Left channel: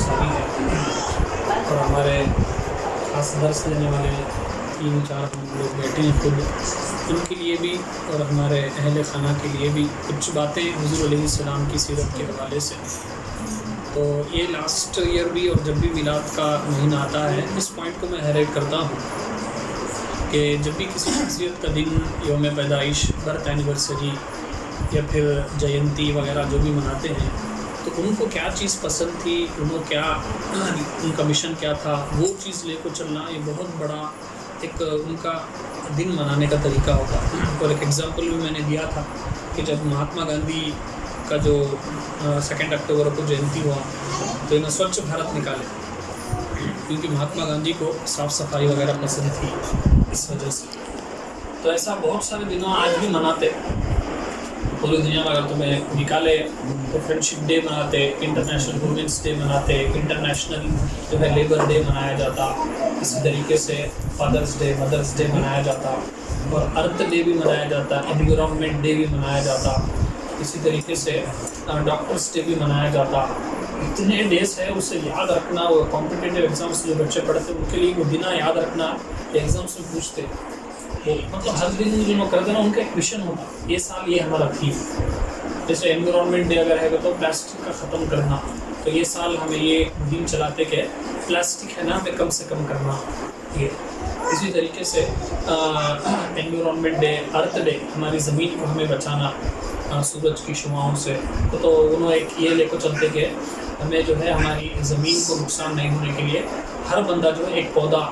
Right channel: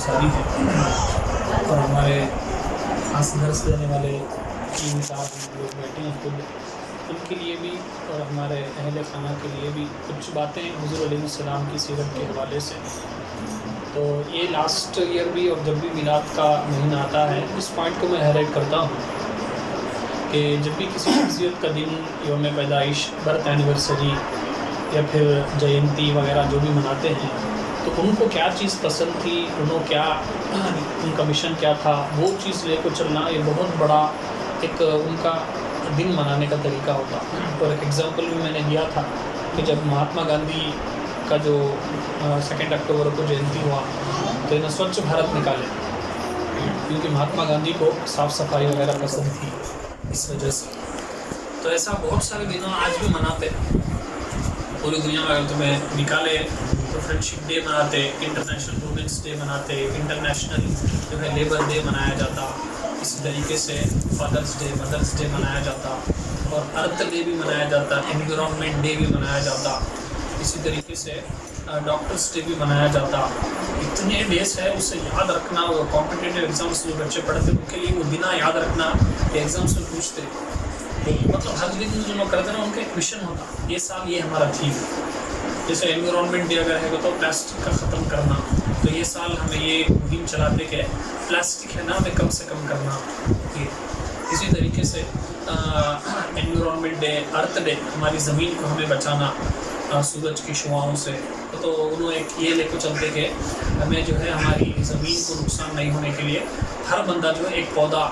ساری ہیں اور ہمارے خاص درس دینے والے 3-4 لوگ بیٹھے ہیں خود، ان کے لیے بھی اور ہمارے اہل خانہ کے لیے بھی کچھ باتیں حضور علیہ السلام کی سیرت کے حوالے سے۔ تو یہ لاسٹ ایئر بھی اور جب بھی میلاد کا مہینہ آتا ہے اس پوائنٹ کو میں ہائلائٹ کرتا ہوں کہ جب بھی کسی شخصیت کا دن، یوم پیدائش، برتھ اینیورسری یا پھر جینتی وغیرہ جو بھی مناتے ہیں تو ان کو کیا چیز پسند تھی، ان کا مشن کیا تھا، وہ چیز لے کر چلنا یہ بہت بڑا ایک ان کا دن منانے کا طریقہ ہوتا۔ اور ایک ایگزامپل بھی میں نے دیا تھا کہ جب مہاتما گاندھی کا جو 2 اکتوبر کو جینتی ہوا تو انہیں سوچھ بھارت نکالے، کیونکہ مہاتما گاندھی کو صاف صفائی وغیرہ پسند تھی اس وجہ سے۔ تو ایسا بہت سارے دنوں آج بھی مناتے پوری دنیا میں۔ اگر تمہیں نکالے تو فرینڈشپ ڈے مناتے، انٹرنیشنل وومنس ڈے مناتے، انٹرنیشنل جو ہے لیبر ڈے منایا جاتا، اسی طریقے سے فادرس ڈے، مدرس ڈے منایا جاتا، اور ارتھ ڈے بھی منایا جاتا، انوائرمنٹ ڈے بھی منایا جاتا، اسی طریقے سے ڈاکٹرس ڈے بھی منایا جاتا۔ اتنے ڈیز ہے، اسے یاد رکھنا، وہ کمپٹیٹیو ایگزامس جو بچے پڑھتے ان کے لیے وہ دن یاد رکھنا کہ ایگزامس میں پوچھتے، مطلب ہر دن جو کرتے نا ان کا ایک مشن ہوتا، یہ سال یہ ہمارا تھیم۔ جیسے انوائرمنٹ ڈے اگر ہے تو پلاسٹک کا ختم کرنا، تو یہ سال ہمیں یہ مہم چلاتے کہ پلاسٹک ہے نا ہمیں کم سے کم کرنا۔ یہ اسی طریقے سے انوائرمنٹ ڈے، ارتھ ڈے، ہماری زمین کو ہمیں بچانا سورج کی شعاؤں سے، تو انہوں ایک یہ لے کر چلتے کہ ہمیں جو ہے ہماری زمین کو نقصان نہیں ہونے کے لیے ہر بندہ جو ہے ایک پودا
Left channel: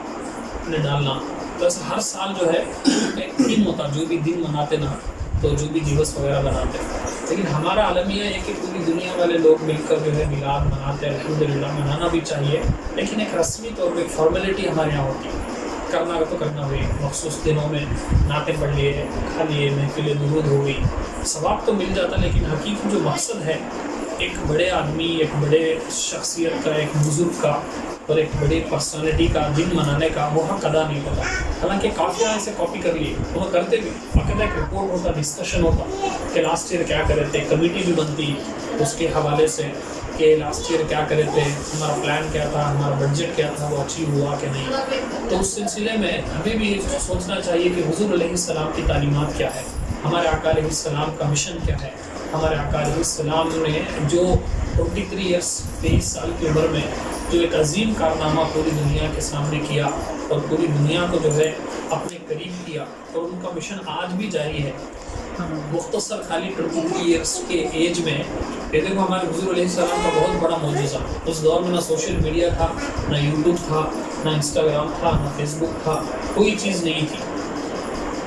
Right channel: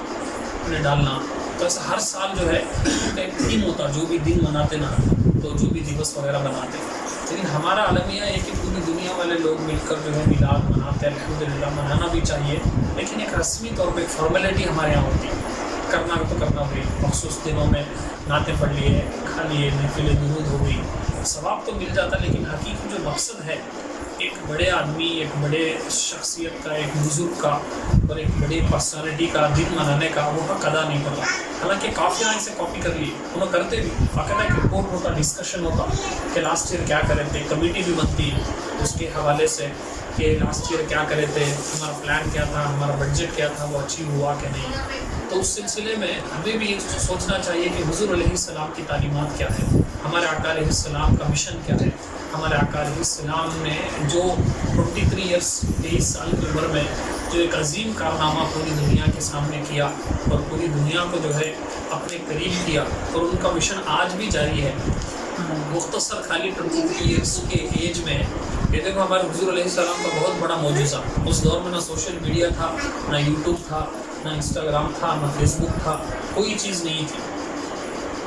نے ڈالنا۔ تو ایسا ہر سال جو ہے ایک تھیم ہوتا، جو بھی دن مناتے نا تو جو بھی دیوس وغیرہ بناتے۔ لیکن ہمارا عالمیہ ہے کہ پوری دنیا والے لوگ مل کر جو ہے میلاد مناتے، الحمدللہ منانا بھی چاہیے، لیکن ایک رسمی طور پہ ایک فارمیلٹی ہمارے یہاں ہوتی ہے، کرنا تو کرنا ہوئی، مخصوص دنوں میں نعتیں پڑھ لیے، کھا لیے، محفل درود ہو گئی، ثواب تو مل جاتا، لیکن حقیقی جو مقصد ہے ایک بڑے آدمی، ایک بڑے شخصیت کا، ایک بزرگ کا اور ایک بڑی پرسنالٹی کا دن منانے کا وہ حق ادا نہیں ہوتا۔ حالانکہ کافی اسے کاپی کر لیے، انہوں کرتے بھی، باقاعدہ ایک رپورٹ ہوتا، ڈسکشن ہوتا کہ لاسٹ ایئر کیا کرے تھے، کمیٹی بھی بنتی اس کے حوالے سے کہ لاسٹ ایئر کیا کرے تھے، ہمارا پلان کیا تھا، ہمارا بجٹ کیا تھا، وہ اچیو ہوا کہ نہیں۔ تو اس سلسلے میں ہمیں بھی سوچنا چاہیے کہ حضور علیہ السلام کی تعلیمات کیا ہے، ہمارے آقا علیہ السلام کا مشن کیا ہے۔ ہمارے آقا علیہ السلام نے جو 23 ایئرس 23 سال کی عمر میں جو ایک عظیم کارنامہ پوری دنیا کے سامنے کیا اور پوری دنیا کو جو ہے اپنے قریب کیا، اور ان کا مشن آج بھی جاری ہے۔ مختصر خالی 23 ایئرس کے ایج میں یہ دیکھو ہمارے حضور علیہ السلام کا بہت بڑا معجزہ۔ اس دور میں نہ سوشل میڈیا تھا، نہ یوٹیوب تھا، نہ انسٹاگرام تھا، نہ فیس بک تھا، کوئی چیز نہیں تھی۔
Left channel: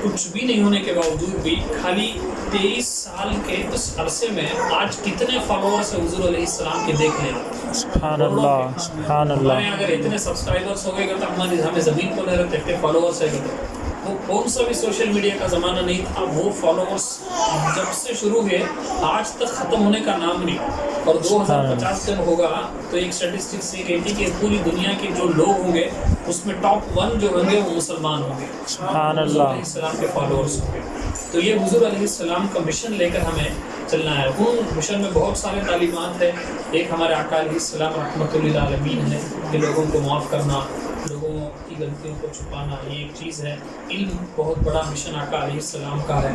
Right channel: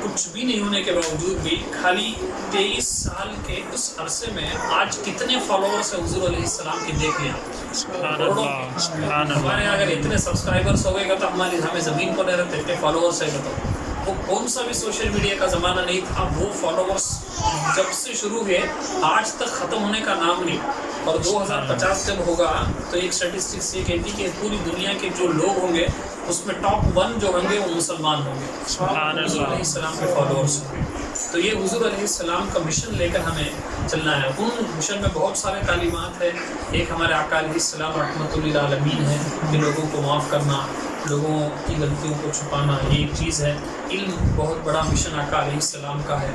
کچھ بھی نہیں ہونے کے باوجود بھی خالی 23 سال کے اس عرصے میں آج کتنے فالوورس ہیں حضور علیہ السلام کے، دیکھ لیں آپ۔ سبحان اللہ، سبحان اللہ۔ ہمارے اگر اتنے سبسکرائبرس ہو گئے گا تو ہمیں زمین کو نہیں رہتے، اتنے فالوورس ہے تو وہ کون سا بھی سوشل میڈیا کا زمانہ نہیں تھا، وہ فالوورس جب سے شروع ہوئے آج تک ختم ہونے کا نام نہیں۔ اور 2050 جب ہوگا تو ایک اسٹیٹسٹکس یہ کہتی کہ پوری دنیا کے جو لوگ ہوں گے اس میں ٹاپ 1 جو ہوں گے وہ مسلمان ہوں گے، سبحان حضور اللہ۔ علیہ السلام کے فالوورس ہوں گے۔ تو یہ حضور علیہ السلام کا مشن لے کر ہمیں چلنا ہے۔ ان مشن میں بہت سارے تعلیمات ہیں۔ ایک ہمارے آقا علیہ السلام رحمۃ للعالمین ہے کہ لوگوں کو معاف کرنا، لوگوں کی غلطیوں کو چھپانا، یہ ایک چیز ہے۔ علم بہت بڑا مشن آقا علیہ السلام کا ہے۔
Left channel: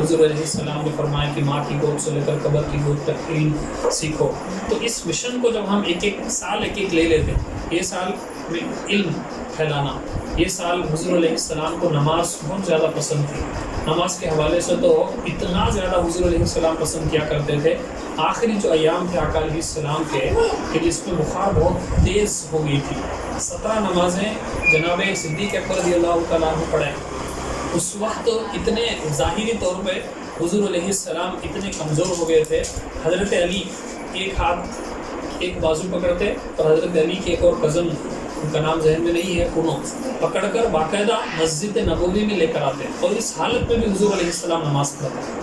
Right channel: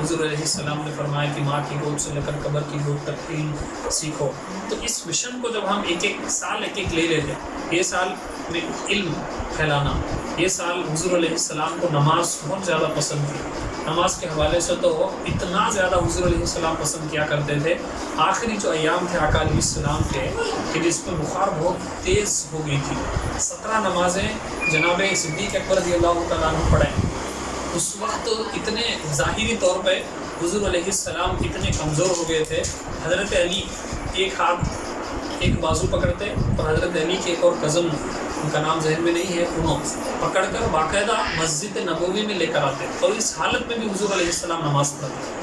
حضور علیہ السلام نے فرمایا کہ ماں کی گود سے لے کر قبر کی گود تک علم سیکھو۔ تو اس مشن کو جب ہم ایک سال لے لیتے ہیں، یہ سال میں علم پھیلانا، یہ سال حضور علیہ السلام کو نماز بہت زیادہ پسند تھی۔ نماز کے حوالے سے تو اتنا زیادہ حضور علیہ السلام پسند کیا کرتے تھے، آخری جو ایام تھے آقا علیہ السلام کے کہ جس میں بخار بہت تیز ہو گئی تھی، 17 نمازیں جناب صدیق اکبر رضی اللہ تعالیٰ عنہ پڑھیں۔ اس وقت اتنے ظاہری طور پہ حضور علیہ السلام اتنے کمزور ہو گئے تھے، حضرت علی ایک ہاتھ ایک بازو پکڑتے اور حضرت علی کے ایک اور کزن، ان کا نام ذہن میں نہیں ہے، انہوں پکڑ کر باقاعدہ مسجد نبوی میں لے کر آتے، اور اس حالت میں بھی حضور علیہ السلام نماز پڑھتے۔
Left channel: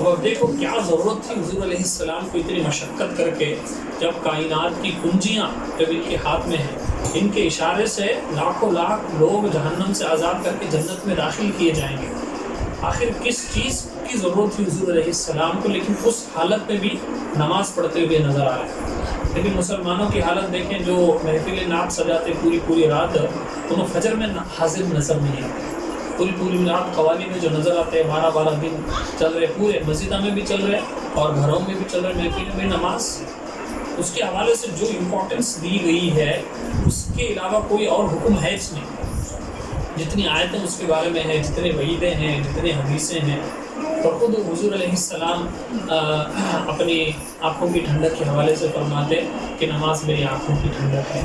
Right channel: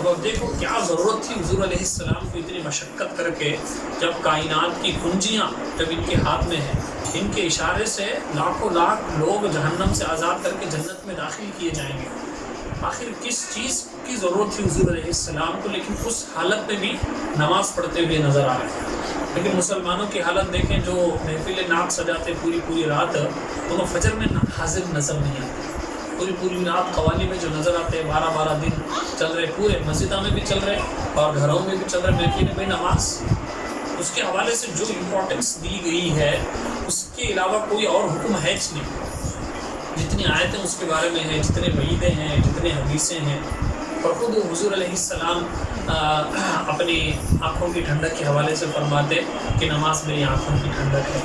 اب دیکھو کیا ضرورت تھی حضور علیہ السلام کو اتنی مشقت کر کے، جب کائنات کی کنجیاں جب ان کے ہاتھ میں ہیں، ان کے اشارے سے لاکھوں لاکھ لوگ جہنم سے آزاد کر کے جنت میں داخل کیے جائیں گے۔ آخر کس چیز کی ضرورت تھی حضور علیہ السلام کو، لیکن اس حالت میں بھی نماز پڑھتے ہوئے نظر آ رہے ہیں۔ لیکن مسلمانوں کی حالت دیکھیں جو محفل نعت سجاتے پوری رات، انہیں فجر میں حاضر نظر نہیں آتے، پوری رات قوالی میں جو نظر آتے ہیں 12 دن چل رہے، پورے مسجدوں میں بھی چل رہے اور گھروں میں بھی چل رہے محفل میں نماز، اس کے حوالے سے جو امپورٹنس دی گئی ہے اس کے علاوہ کوئی اور حکم ہے نہیں، جتنی آیتیں اس کے بارے میں ہیں، جتنے وعیدیں ہیں، جتنے حدیثیں ہیں، اور خود حضور علیہ السلام اپنی آنکھوں کی ٹھنڈک کے حوالے سے فرماتے کہ نماز میری آنکھوں کی ٹھنڈک ہے۔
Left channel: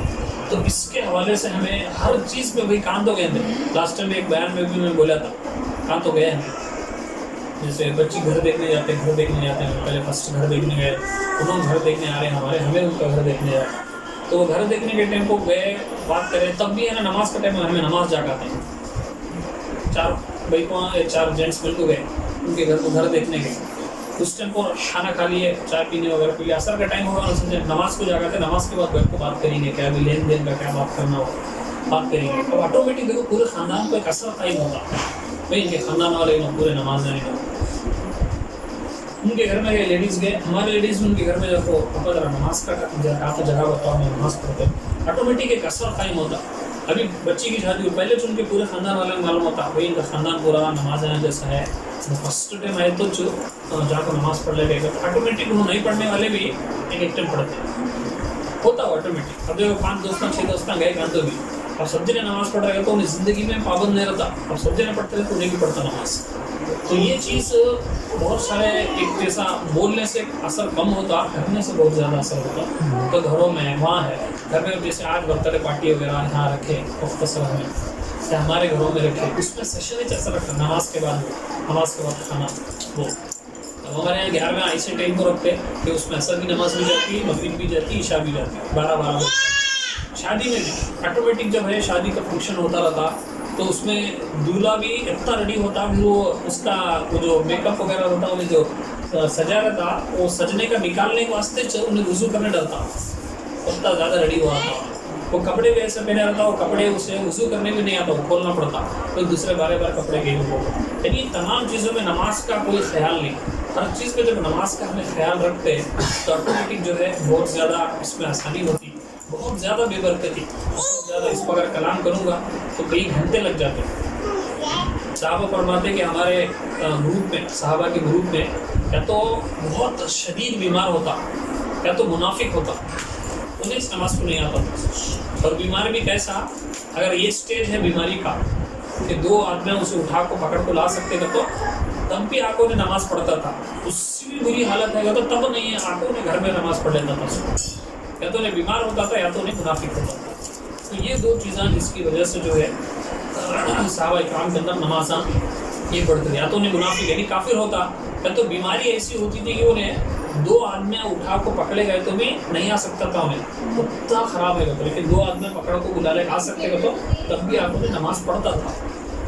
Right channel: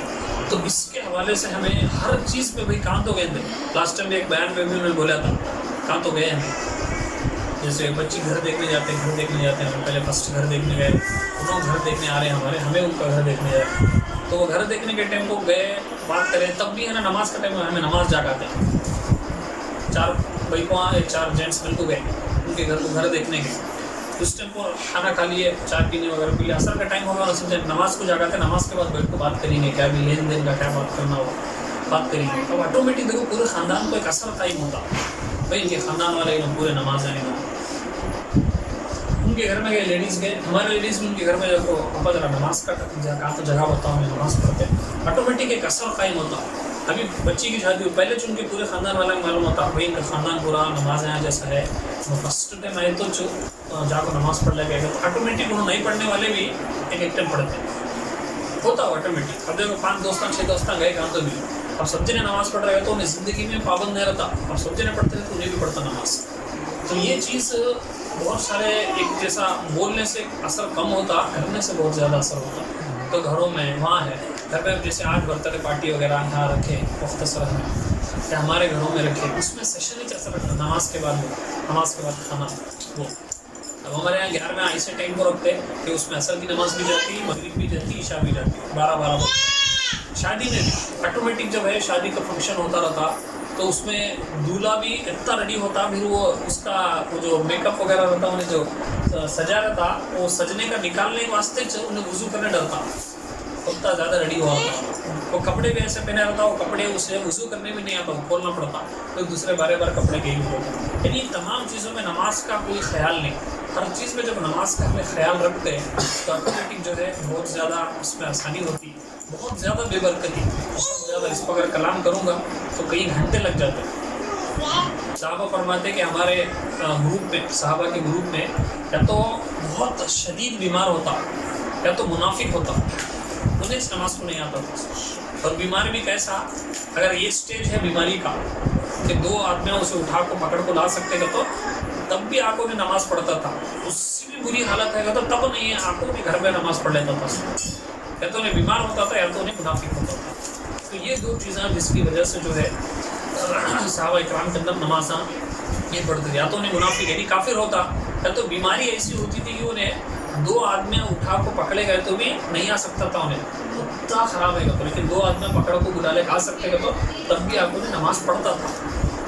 تو اس کے حوالے سے ہمیں ہر چیز پہ بھائی کہاں تو گئے تھے، لاسٹ ٹائم ایک بیان میں بھی میں بولا تھا کہاں تو گئے ہیں، جیسے بچی گھر دیکھنے جاتے ہیں، پہلے فرسٹ گھر دیکھنے گئے، انہوں گھر دیکھنے آ رہے ہیں ہمیں ان کا گھر دیکھنے جائے، تو وہ گھر دیکھنے کے ٹائم کو گئے بات کریں، تب بھی ہے نا نماز کا ٹائم ہمیں نماز جا کے آتے ہیں، 4 بھائی کو 4 جینٹس مل کو گئے ان کے گھر کو گھر دیکھنے کے، اس ٹائم کو کھانا کھا لیے، چائے پینے وغیرہ پی لیا، اثر کا ٹائم ہوگا سمجھے نماز کو جا کے نماز کے بعد بیٹھ کو بات کریں گے، کیا بھی لین دین کا کیا بات کرنا ہو بات کریں گے، اب آٹومیٹک دیکھو پورے خاندان کو ایک اثر قائم ہوتا بھائی ان کے خاندان والے پورے نماز نہیں کرتے، ان کے گھر میں گئے لیڈیز گئے، ہمارے لیڈیز بھی ان کے گھر میں جب پاپا ذرا نماز کا کہا تو جگہ بتاؤ میں نماز پڑھتے، آٹومیٹک ایک اثر قائم ہوتا۔ ابھی بچی کی شادی ہو پہلے جو ان کے پورے خاندان والے معلوم ہوتا بھائی ان کا خاندان پورا نماز یہاں جیسا ہے، فرسٹ ٹائم آئے تو جا کو نماز پڑھ لے گئے تو آٹومیٹک انہوں نہیں پڑھنے والے بھی ایک ٹائم پڑھتے ہوتا ہو آٹومیٹک۔ اب دیکھو 5 دوستاں 6 دوستاں گئے کہاں تو بھی، اب سب جنے نماز پڑھ رہے تو انہیں زندگی میں پابند نہیں رہتا، اب سب جنے پڑھتے رہے تو انہیں بھی پڑھتا نماز، تو یہ چیز بہت سارے ایک جیسا بولنے سے اثر کم ہوتا، کرنے سے بہت زیادہ اثر ہوتا، تو گھروں میں وہاں ہے گھر میں جیسے آج برتھ ڈے پارٹی وغیرہ یہاں رکھے مختصر میں یا ہمارے گھروں میں رکھے، اس میں سیشن ہی ایسا رکھتا نماز کے بعد کھانا، وہ اب ہمارے یہاں 11 میں ایسے ٹائم کو رکھتے کہ اس میں عصر کی نماز بھی جاتی، مغرب بھی جاتی، عشاء بھی جاتی، 12 بجے۔ شادی میں بھی آٹومیٹک جب ہے شادی کا فنکشن ہوتا رہتا تو اس میں دولہا بھی اتنا ریڈی ہوتا، پھر وہ اس کا وہ جو میک اپ وغیرہ ہوتا انہیں جو سجا رہتا وہ سجنے کا نکالنے کے واسطے انہیں وضو کرنے ڈرتا، اتنا زیادہ ریڈی ہوا تھا، وہ کپڑے بھی ایسے پہنے رہتا، وہ کپڑے اسے وضو کرنے بھی نہیں آتا، وہ کھولنا پڑتا، پھر دوسرے بار کپڑے کے ہی ہوتا، یعنی تمام چیزوں میں نماز کا کوئی خیال نہیں، ہر چیز میں جب نماز کا ہمیں خیال رکھتے ہیں تو آٹومیٹک جو ہے بہت زیادہ اس میں آسانی ہوتی، بہت زیادہ بے برکتی، بہت زیادہ اس پر اگر کلام کروں گا تو کئی گھنٹے لگ جاتے ہیں۔ صحابہ فرماتے کہ ہمارے گروپ میں صحابہ کے گروپ میں یا تو بہت شدید بیمار ہوتا یا تو منافق ہوتا، انہیں اس نماز کو نہیں آتا تھا، اور بیمار بھی کیسا، اگر یہ سٹیج ہے بیماری کا کہ 2 آدمیاں اسے اٹھا کو پکڑ کو لا سکتے گا تو تب بھی آنکھوں نے نماز پڑھتا تھا، اس سے بھی بری حالت ہے تو تب نہیں آنکھوں نے گھر میں نماز پڑھ لیتا تھا، یا تو انہیں بیمار ہوتا تھا یا تو انہیں منافق ہوتا تھا، تو یہ 2 چیزیں جس کی وجہ سے جو ہے صحابہ اکرام کے اندر نمازاں یہ پڑھتے تھے، یا تو انہیں منافق یعنی کافر ہوتا، یا تو بیماری ایسی ہوتی تھی کہ انہیں 2 آدمیاں اٹھا کو پکڑے گئے تو بھی نہیں آ سکتا تھا، انہیں اتنا خراب ہے گا، لیکن 2 آدمیاں پکڑ کو بلا لے آ سکتے گا تو تب بھی آپ انہیں نماز پڑھتا تھا،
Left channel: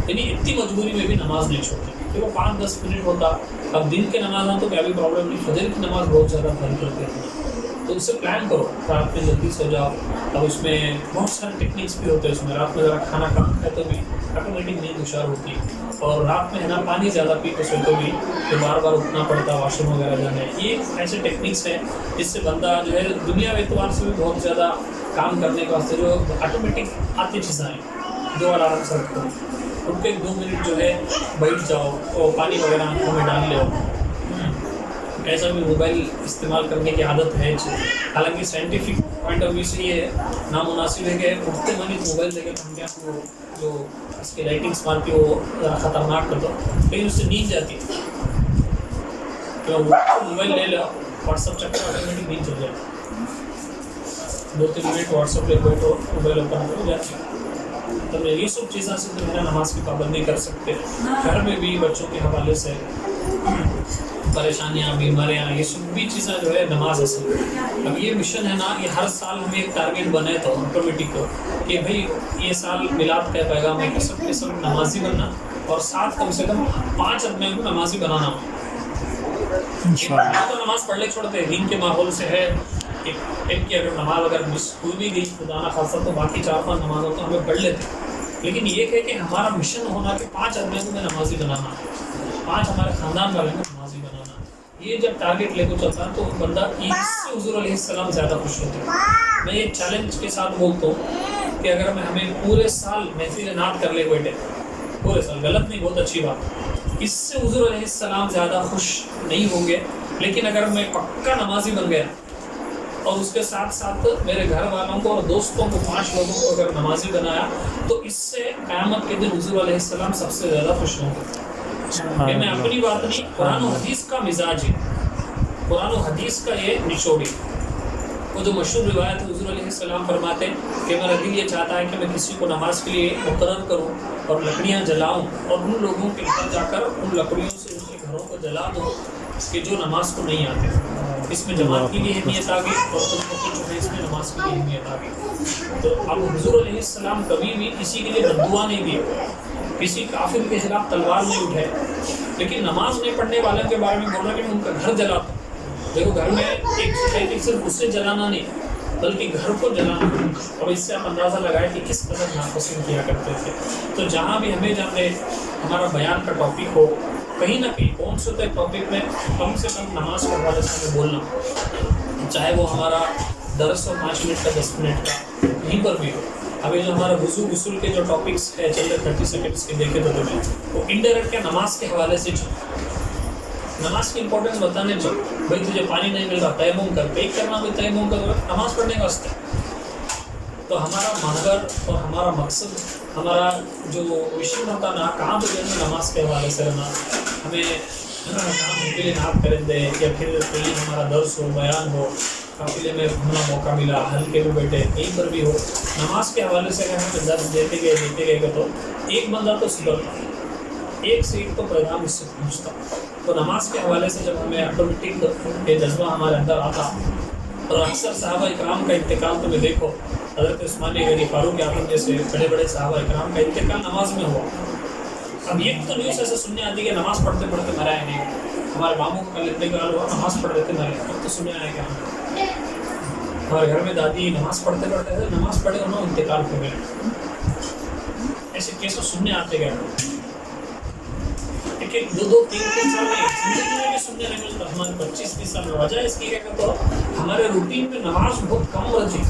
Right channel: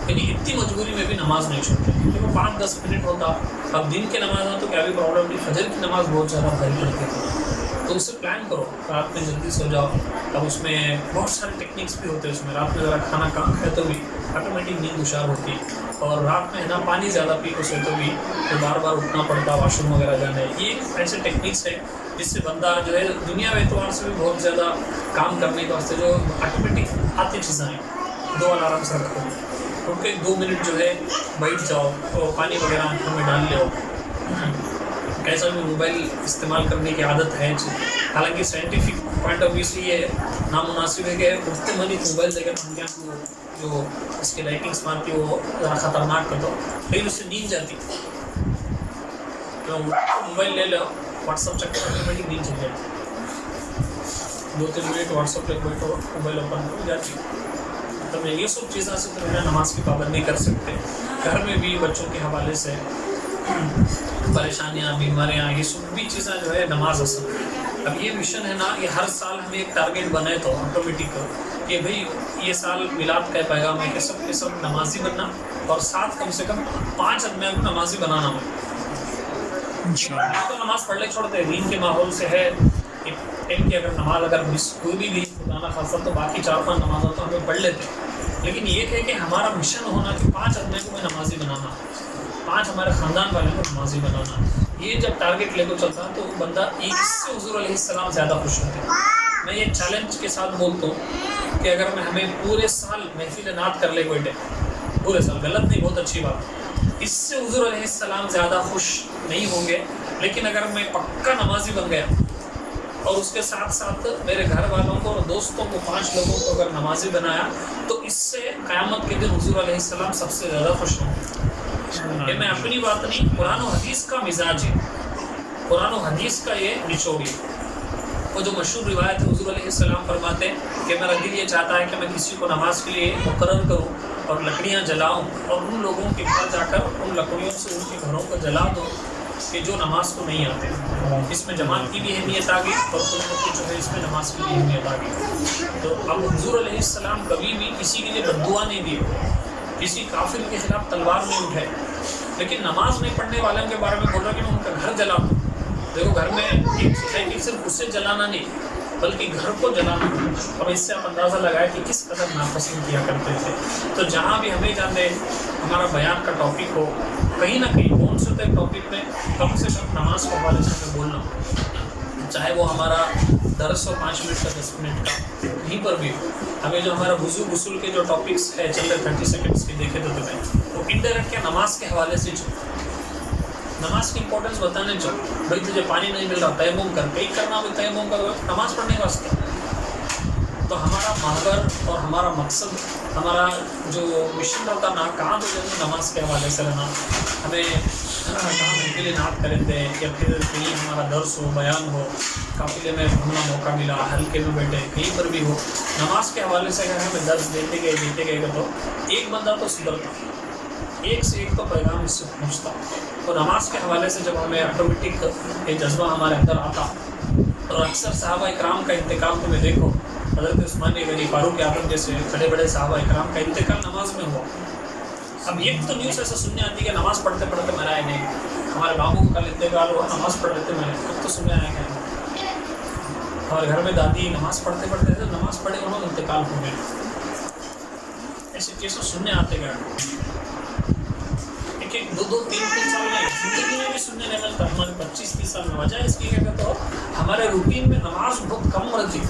یعنی اتنی مجبوری میں بھی نماز نہیں چھوڑتے، کیونکہ وہ 5-10 منٹ ہوتا، اب دن کے نماز تو کیا بھی پرابلم نہیں، فجر کی نماز بہت زیادہ بھاری پڑتی ہے، تو اسے پلان کرو، رات میں جلدی سو جاؤ، اب اس میں بہت سارے ٹیکنیکس بھی ہوتے ہیں، اس میں رات میں ذرا کھانا کم کھائے تو بھی آٹومیٹک نیند ہوشیار ہوتی، اور رات میں ہے نا پانی زیادہ پی کو سوتے بھی تو بار اٹھنا پڑتا واش روم وغیرہ جانا ہے، یہ ایسے ٹیکنیکس ہیں جس سے بندہ جو ہے دنیا کے اعتبار سے بھی بہت زیادہ کام کرنے کے واسطے جو آٹومیٹک آتی چیزیں ہیں، 2 الارم سے رکھو، اٹھ کے 2 منٹ جو ہے بیٹھ جاؤ، اور پانی وغیرہ آنکھوں میں ڈال لو، کیسا بھی موبائل استعمال کرنے کی عادت ہے، حالانکہ سائنٹیفک پوائنٹ آف ویو سے یہ نامناسب ہے کہ اٹھتے منی موبائل دے کے پنکھا کو جو اس کی لائٹنگس مارتی وہ ذرا خطرناک کر دو، لیکن اس سے نیند جاتی، تو موبائل لے لو، واٹس اپ چیک کرو، آٹومیٹک نیند چل جائے، 2-3 منٹ واٹس اپ پہ بیٹھو، موبائل اوپن ہو جاتی، تو یہ سب چیزیں سے تو ہے نماز کی پابندی کر سکتے، گھر میں بھی بچوں کے حوالے سے پریشانیاں بیماریاں یہ سب بھی چیزیں جو ہے نماز اصل، اب یہ مشن ہے نا، یہ ہر سال ہمیں ایک ٹارگیٹ بنے تو آٹومیٹک کہ بھئی یہ سال میلاد کا پیغام ہے کہ سب کے سب نمازی بننا، اور ساتھ کم سے کم 5 آدمیوں کو نمازی بنانا ہو، تو نماز پڑھ لے چھوڑتے دین کے ماحول سے ہے، ایک کی اگر نماز اگر مس ہوئی بھی گئی خدا نہ خاصہ تو باقی 4-5 نمازوں تو ہمیں پڑھ لیتے، لیکن یہ کہ ہمارا مشن ہونا کہ 5 آدمیوں کو میں نمازی بنانا، 5 ہمارے خاندان والے کو نمازی بنانا، یہ جب ٹارگیٹ لے کر چلتا ہے تو بندہ اس سے حضور علیہ السلام زیادہ خوش ہوتے ہیں۔ میں یہ چیلنج کے ساتھ بولتا ہوں کہ اگر میں ہمیں پورے سال محفل نعت کر لے بیٹے، پورے سال، غلط نہیں، بہت اچھی بات، اس سے حضور علیہ السلام زیادہ خوش نہیں ہوں گے، لیکن اگر میں پکا نمازی بن گیا اور اس کے ساتھ ساتھ میرے گھر والوں کو اور دوستوں کو، 5 لوگوں کو اگر نمازی بنایا، تو اس سے قیامت کے دن حضور علیہ السلام سب سے زیادہ خوش ہوں گے۔ یہ میں اپنی بات نہیں، قرآن و حدیث کا مزاج ہے، قرآن و حدیث کا یہ نچوڑ ہے۔ وہ جو مشہور روایت ہے، حضور علیہ السلام فرماتے ہیں کہ میرا دل یہ چاہتا ہے کہ میں کسی کو نماز کے لیے مقرر کروں اور لکڑیاں جلاؤں اور ان لوگوں کے گھر جا کر ان لکڑیوں سے ان کے گھروں کو جلا دوں کہ جو نماز کو نہیں آتے۔ اس میں جماعت کی بھی اہمیت آ گئی اور خود بخود جو ہے اس میں نماز کی بھی اہمیت آ گئی۔ تو اب حضور علیہ السلام کبھی بھی کسی کے لیے بد دعا نہیں دیے، کسی کافر کے خلاف تلوار نہیں اٹھائے، لیکن نماز نہیں پڑھنے والوں کے بارے میں بول رہا کہ میں ان کا گھر جلاتا ہوں۔ دیکھو، گھر میں ایک صرف اسے جلانا نہیں بلکہ گھر کو جلانا۔ اب اس سے آپ اندازہ لگائے کہ کس قدر ناپسند کیا کرتے تھے۔ تو جہاں بھی ہمیں جانے ہمارا بیان کا ٹاپک ہو، کہیں نہ کہیں کون سے ٹاپک میں کم سے کم نماز کے حوالے سے ہمیں بولنا، چاہے وہ ہمارا درس ہو 5 منٹ کا، 10 منٹ کا، کہیں پر بھی ہو۔ ابھی جو ہمارا وضو غسل کے جو ٹاپکس ہے چل رہے 30 سیکنڈس کے دیکھے تو تمہیں وہ انڈائریکٹ کیا نماز کے حوالے سے نماز کی امپورٹنس بتانے چل، بھائی تجھے پانی نہیں مل رہا، تیمم کر، کئی کرنا بھی تیمم کرو، نماز پڑھنے کا واسطے۔ تو ہمارا محور اور ہمارا مقصد، ہمارا جو مشن ہوتا نا، کہاں تو جیسے نماز کے حوالے سے رہنا، ہمیں کہاں محفل نعت کریں دے یا پھر کہیں ہمارا درس ہو، بیان ہو، قافلے میں گھومنا موقع ملا، ہلکے میں بیٹھے، کہیں پر بھی ہو، نماز کے حوالے سے اگر ہمیں درس دیتے گئے تو ایک بندہ تو سدھرتا، ایک سے ایک تو پیغام اس سے پہنچتا۔ تو نماز کے حوالے سے جب ہمیں آٹومیٹک یہ جذبہ ہمارے اندر آتا، اور اکثر صحابہ اکرام کا انتقال تمہیں دیکھو، حضرت عثمان غنی، فاروق اعظم جیسے بڑے بڑے صحابہ اکرام کا انتقال نماز میں ہوا۔ اب ایک تو نیوز ایسا سننے آتی کہ نماز پڑھتے پڑھتے مرا ہے، نہیں، ہمارے بابوں کا کل انتقال ہوا، نماز پڑھ رہے تھے مرے، اب تو سننے آیا کہ ہمارے گھر میں دادی نماز پڑھتے پڑھتے تھے، نماز پڑھے انہوں انتقال ہو گئے۔ ایسے کیسوں سننے آتے گئے، ایک 2 3 سال میں زندگی میں بھی سننے نہیں ملتا، ہمارے 25 30 سال میں۔ وجہ اس کی کہتے تو ہمارے روٹین میں نماز بہت کم رہتی،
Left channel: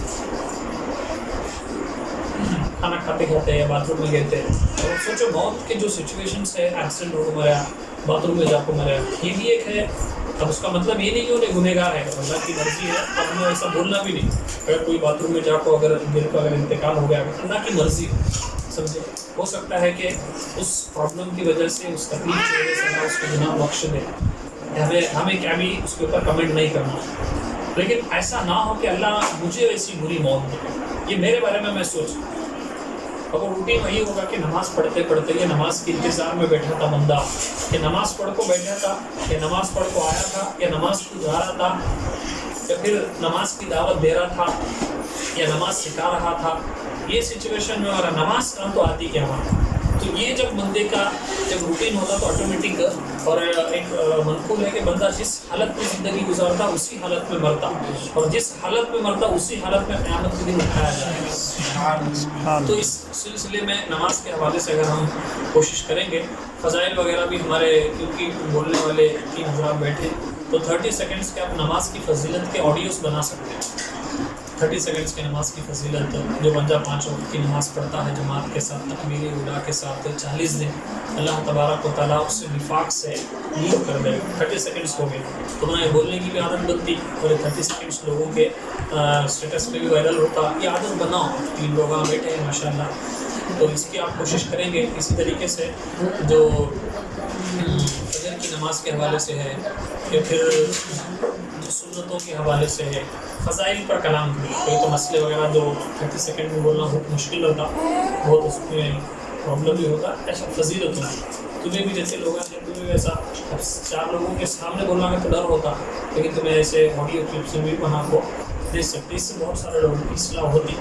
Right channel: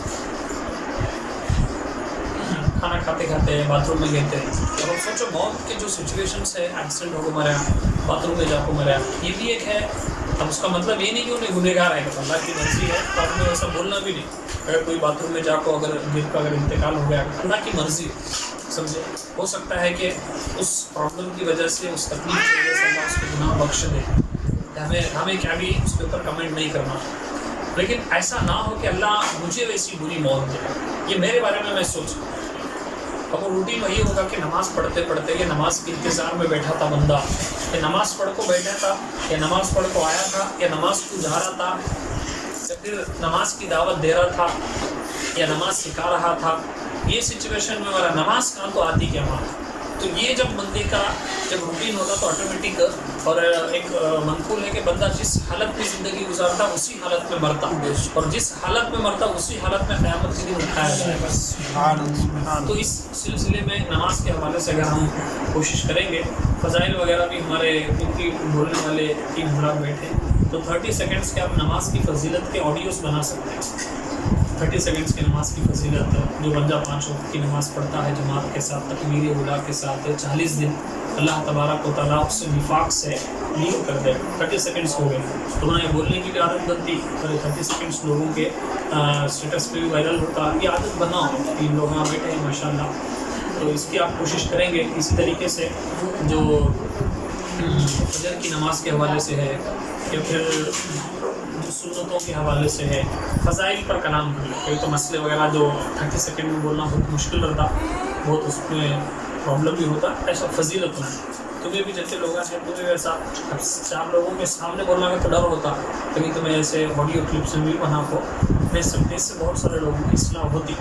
کھانا کھاتے کھاتے باتھ روم میں گئے تھے، اور سوچو موت کے جو سچویشنس ہے، ایکسیڈنٹ ہو کو مریا، باتھ روم میں جا کو مریا، یہ بھی ایک ہے۔ اب اس کا مطلب یہ نہیں کہ انہیں گنہگار ہے، اللہ کی مرضی ہے، اور ہمیں ایسا بولنا بھی نہیں۔ اگر کوئی باتھ روم میں جا کو اگر گر کا اگر انتقال ہو گیا، اللہ کی مرضی ہے، سمجھے۔ ہو سکتا ہے کہ اس پرابلم کی وجہ سے، اس تکلیف کی وجہ سے اللہ اس کو گناہ بخش دے، ہمیں کیا بھی اس کے اوپر کمنٹ نہیں کرنا، لیکن ایسا نہ ہو کہ اللہ مجھے ویسی بری موت دے۔ یہ میرے بارے میں سوچ، اب وہ روٹین وہی ہوگا کہ نماز پڑھتے پڑھتے، یہ نماز کے انتظار میں بیٹھا تھا بندہ، کہ نماز پڑھ کو بیٹھا تھا، یا نماز پڑھ کو آیا تھا، یا نماز کو جا رہا تھا، یا پھر نماز کی دعوت دے رہا تھا، یا نماز سکھا رہا تھا۔ یہ سچویشن میں ہمارا نماز کہاں تو آتی کیا وہاں۔ تو یہ جب بندے کا جب روٹین ہوتا تو آٹومیٹک اور ایک منقول ہے کہ بندہ جس حالت میں زندگی گزارتا اسی حالت میں مرتا، اور جس حالت میں مرتا اسی حالت میں قیامت کے دن اٹھایا جائے گا۔ تو اس سلسلے میں نماز کے حوالے سے اگر ہم کوشش کریں گے، فضائل وغیرہ بھی ہمارے کیونکہ بولنے والے 3 حضرات بیٹھے، تو 30 سیکنڈس کے آپ نماز کی فضیلت کے آڈیوز بنا سکتے ہیں۔ 30 سیکنڈس کی نماز کی فضیلت، جو بندہ 5 وقت کی نماز پڑھتا ہے جماعت کے ساتھ، تکبیر اولیٰ کے ساتھ، 40 دن اللہ تبارک و تعالیٰ اس سے نفاق سے لیو کر دے۔ 30 سیکنڈس ہو گئے، تمہیں یہ بولنے کی بھی عادت بنتی، اور 30 سیکنڈس لوگوں کے اسٹیٹس پہ بھی وائرل ہوتا۔ یہ عادت بناؤ، 3 لوگ وہاں بیٹھے ہیں ماشاء اللہ، تو اس کی آپ کوشش کریں گے۔ اسی طریقے سے جو فجر کی نماز کے حوالے سے ہے، یا پھر سنتوں کے حوالے سے ہے، فضائل پر کلام کریں، کوئی تو مسئلے وغیرہ جو 30 سیکنڈ میں بولنا بہت مشکل رہتا، بہت اس میں پرابلم بھی ہوتا، ایسا فضیلت ہو۔ تمہیں بھی جیسے لوگ ہیں، تمہیں بھی ایسا 4 لوگوں کے سامنے بولنا کا تو ڈر ہوتا، لیکن تمہیں ایسے آڈیو کلپس میں بھی بنا کو بھیج سکتے، اس سے بہت سارے لوگوں کی اصلاح ہوتی۔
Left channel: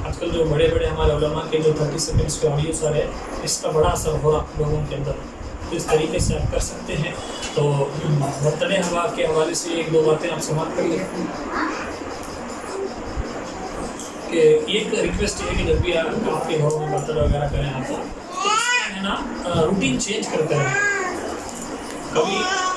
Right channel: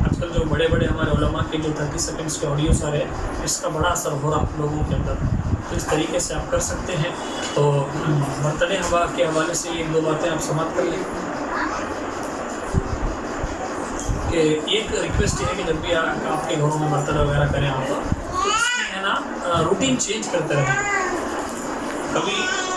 آج کل جو بڑے بڑے ہمارے علماء کے جو 30 سیکنڈس کے آڈیوز آ رہے ہیں، اس کا بڑا اثر ہو رہا لوگوں کے اندر، تو اس طریقے سے آپ کر سکتے ہیں۔ تو برتن ہوا کے حوالے سے 1-2 باتیں آپ سماعت کر لیں کہ ایک ریکویسٹ یہ ہے کہ جب بھی آپ کے گھروں میں برتن وغیرہ کریں آپ، تو اس میں ہے نا روٹین چینج کرتے رہیں۔ کبھی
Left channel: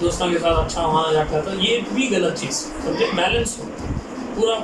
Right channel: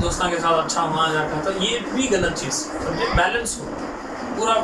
دوستوں کے ساتھ اچھا وہاں جا کر، تو یہ بھی غلط چیز سمجھے. بیلنس ہو، پورا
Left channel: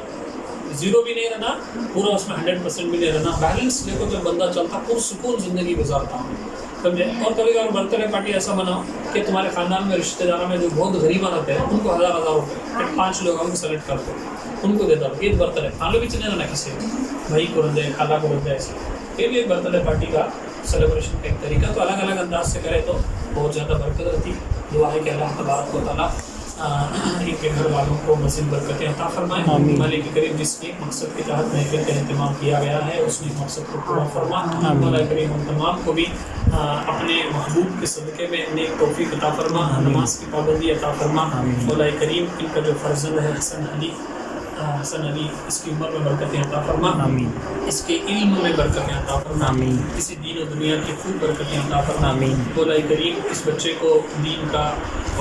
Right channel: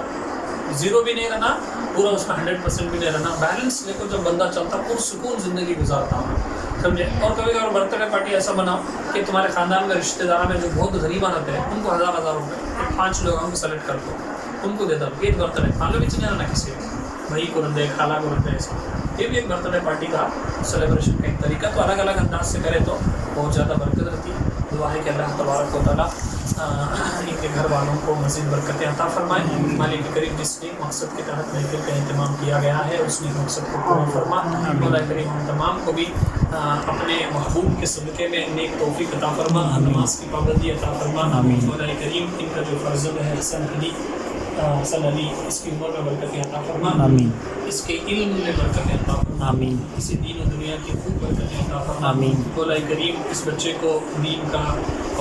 زیرو بھی نہیں رہنا، پورا اس میں 100% بھی نہیں رہنا. بیلنس لے کو جب بندہ چلتا پرسکون زندگی گزارتا ہوں سمجھے. اور کبھی کبھار برتھ ڈے پارٹی ایسا بناؤ کہ تمہارے خاندان میں رشتہ داروں میں جو بہت غریبان ہوتے ہیں ان کو 1000 روپے، 5 لوگ ہم کو سلیکٹ کر دو، ان کو دیتا ہوں. یہ برتھ ڈے کھا لو بھی چلے نا کسی کو، بھائی کو رندے، خالہ کو رندے، ایسا. یہ بھی ایک برتھ ڈے پارٹی کا سیلیبریشن کا ایک طریقہ. تو الگ الگ انداز سے کرے تو بہت زیادہ برکت رہتی. دعا ہے کہ اللہ تبارک و تعالیٰ ان کے گھر والوں کو مزید برکتیں عطا فرمائیں. مالک کریم جس نیک مقصد کے تحت محفل کا اہتمام کیا گیا ہے اس نیک مقصد کو پورا فرما. مولا کریم ہم تمام کو بھی اپنے محبوب کے صدقے میں نیک توفیق عطا فرما، نماز کی پابندی عطا فرما. مولا کریم ان کا جو فرزند ہے حسن علی، اس کی عمر میں برکتیں عطا فرما، اس کے علم میں برکتیں عطا فرما، کسی دین و دنیا کی خوب برکتیں عطا فرما. مولا کریم اس بچے کو دین کا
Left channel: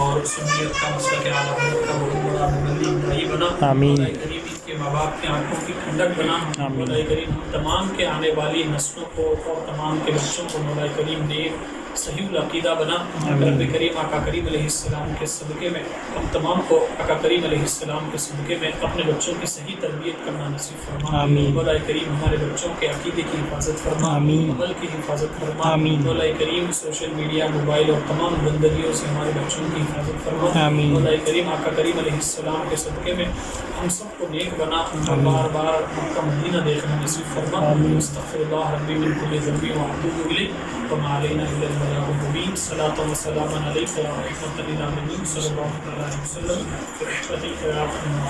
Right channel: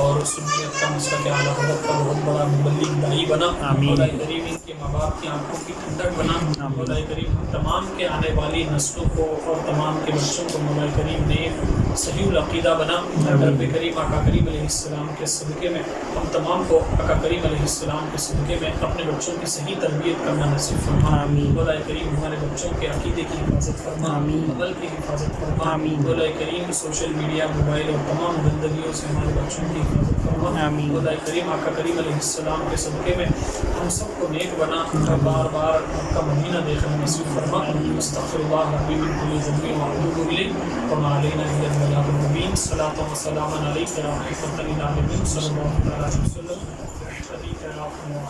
اور سنیت کا مسلک اعلیٰ حضرت کا بہت بڑا مبلغ داعی بنا. مولا کریم ان کے ماں باپ کی آنکھوں کی ٹھنڈک بنا. مولا کریم ہم تمام کے آنے والی نسلوں کو اور تمام کے بچوں کو مولا کریم نیک صحیح العقیدہ بنا. رب کریم آقا کریم علیہ السلام کے صدقے میں ہم تمام کو آقا کریم علیہ السلام کے صدقے میں اپنے بچوں کی صحیح تربیت کرنا نصیب فرما. مولا کریم ہمارے بچوں کے عقیدے کی حفاظت فرما، عمل کی حفاظت فرما. مولا کریم سوشل میڈیا، موبائل اور تمام گندگیوں سے ہمارے بچوں کی حفاظت فرما. مولا کریم آقا کریم علیہ السلام کے صدقے میں ہم سب کو نیک بنا اور بار بار مکہ مدینہ دیکھنا نصیب فرما. استغفر اللہ ربی من کل ذنب واتوب الیہ وما علینا الا البلاغ المبین. صلاۃ و سلام علیک یا رحمۃ للعالمین صلی اللہ علیہ وسلم برحمتک یا ارحم الراحمین.